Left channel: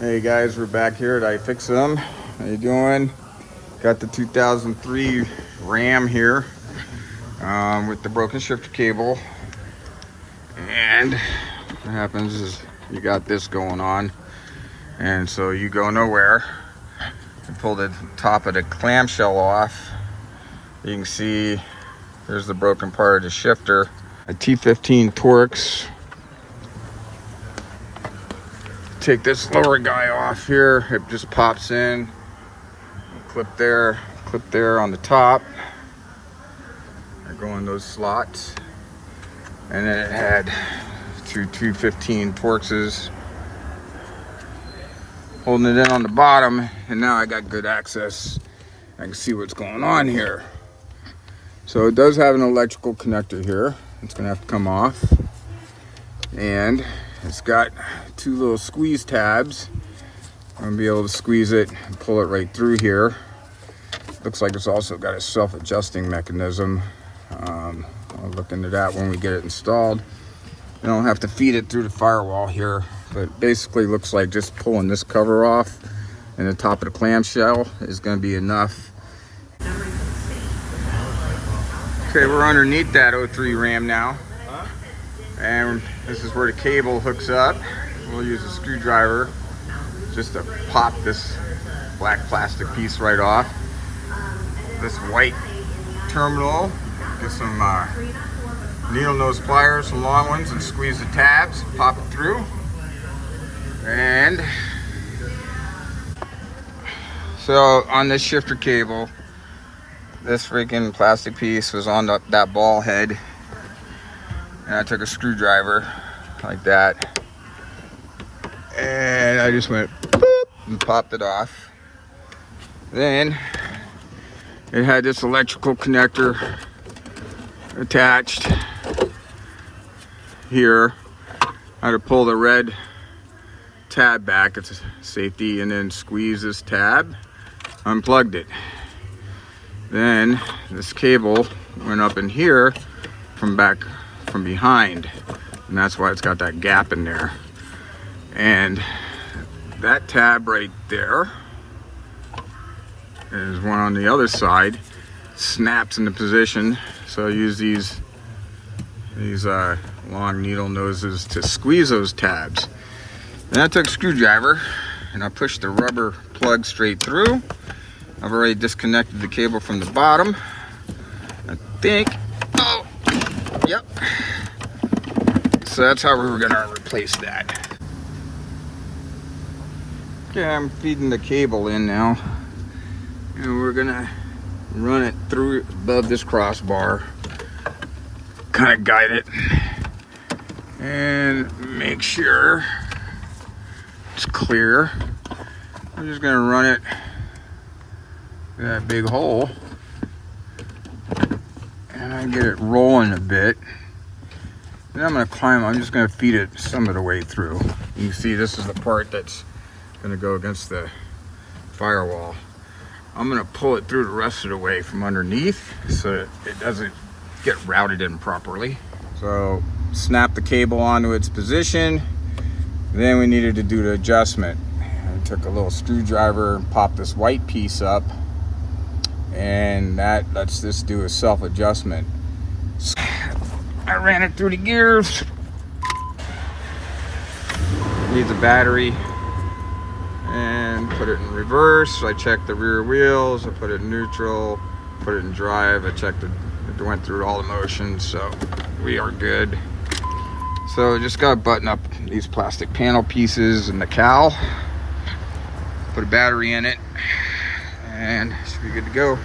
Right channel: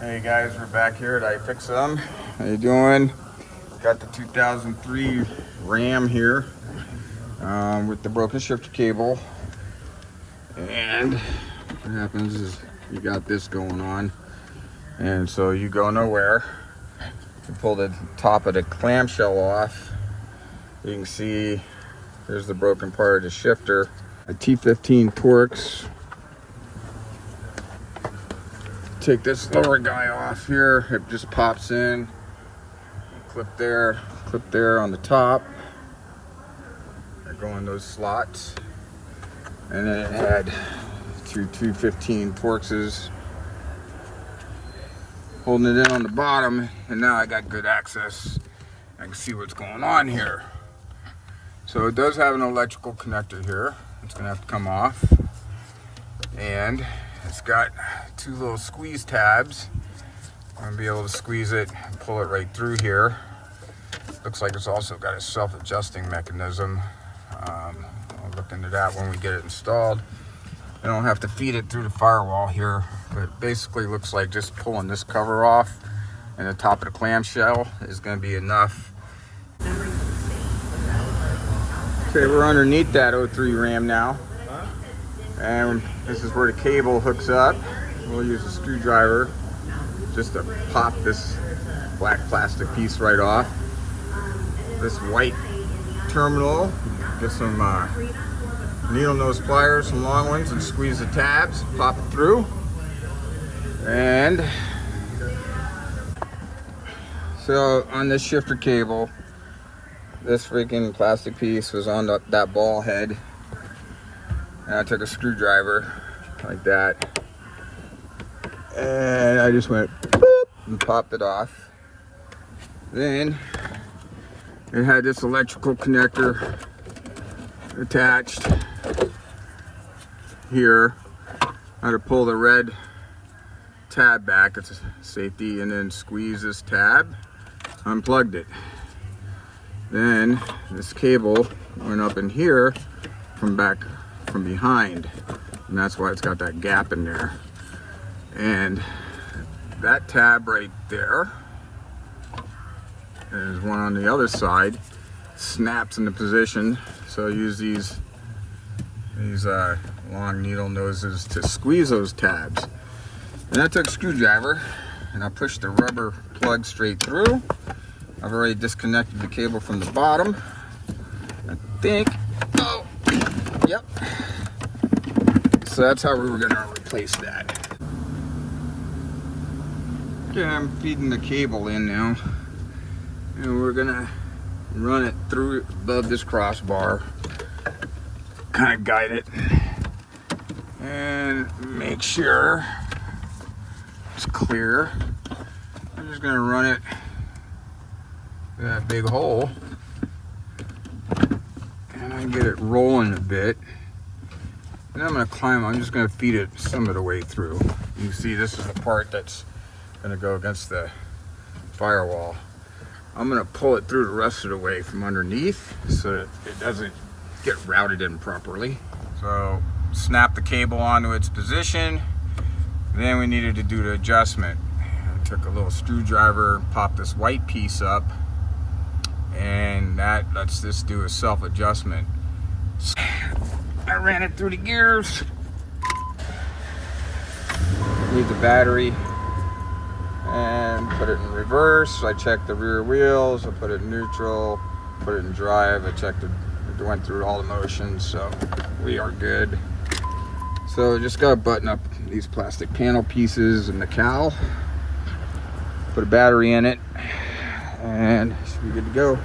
Hey guys, we're back here at iFixit. How you doing? Got the 2003 Ram here with the broken shifter cable. And what happens is you got this going on, and so you go nowhere. You pull the top of the clamshell off. You can see there's the broken part of the shifter. A T15 Torx. Take this lower guy off here. It just pops in. Clip there on the top. I go in those slots. And then it had two 215 Torxes holding it in on the bottom, and now I got good access. I can see what's going on here. So it does have an electrical connector here. It's gonna have to come off. And it's got two little squeeze tabs. I'm gonna be able to squeeze it and pull it right through here. Looks like it's also got a self-adjusting mechanism. I'll look into that when we get it installed. I don't have to feed it through the firewall here, but basically looks like just pulling this cover off and the top of the clamshell is gonna be enough. Okay, we're underneath that 03 Ram now. And this is where the cable hooks up. We'll use a screwdriver just to pop this black plastic piece right off. This white terminal, get some needle nose pliers, some long ones, and squeeze the tabs, pop it through. And so on this shifter cable, this freaking plastic piece was on that ball head. And I took a screwdriver like that, and I just went boop and popped it off. Then it had this electrical connector attached here. I had to pull the red tab back, it's a safety, and then squeeze this tab, unplugged it. Then this cable went up in here from behind, and that's why it's got that gap in there. And that tab right there, there's one on the other side, snaps into position. So I use these long needle noses to squeeze those tabs. And I took a screwdriver and I pushed the rubber plug straight through. I've already disconnected the cable from the bottom, I think. Oh, yep. So that's how we were gonna replace that. Okay, I'm feeding the cable in now, and we're gonna run it through above this crossbar, kind of guide it, and make sure it's clear. I'm just gonna run it through that big hole, and I get it rolling a bit. Then I'm just gonna feed it some of the way through. You can see this is the part that's gonna go against the firewall. I'm gonna pull it through the rest of the way from underneath so it doesn't get routed in properly. So snap the cable onto its position. Then we needed to do the adjustment. I took a little screwdriver and popped this white piece up, and that lets this do a self-adjustment. I ran it through the gears. Need the battery and put it in reverse. I checked the rear wheels. I put it in neutral, put it in drive. I checked it went through all the motions, so we are good. So just gotta button up these plastic panel pieces and the cowl. Put a battery in it, and should be good to go.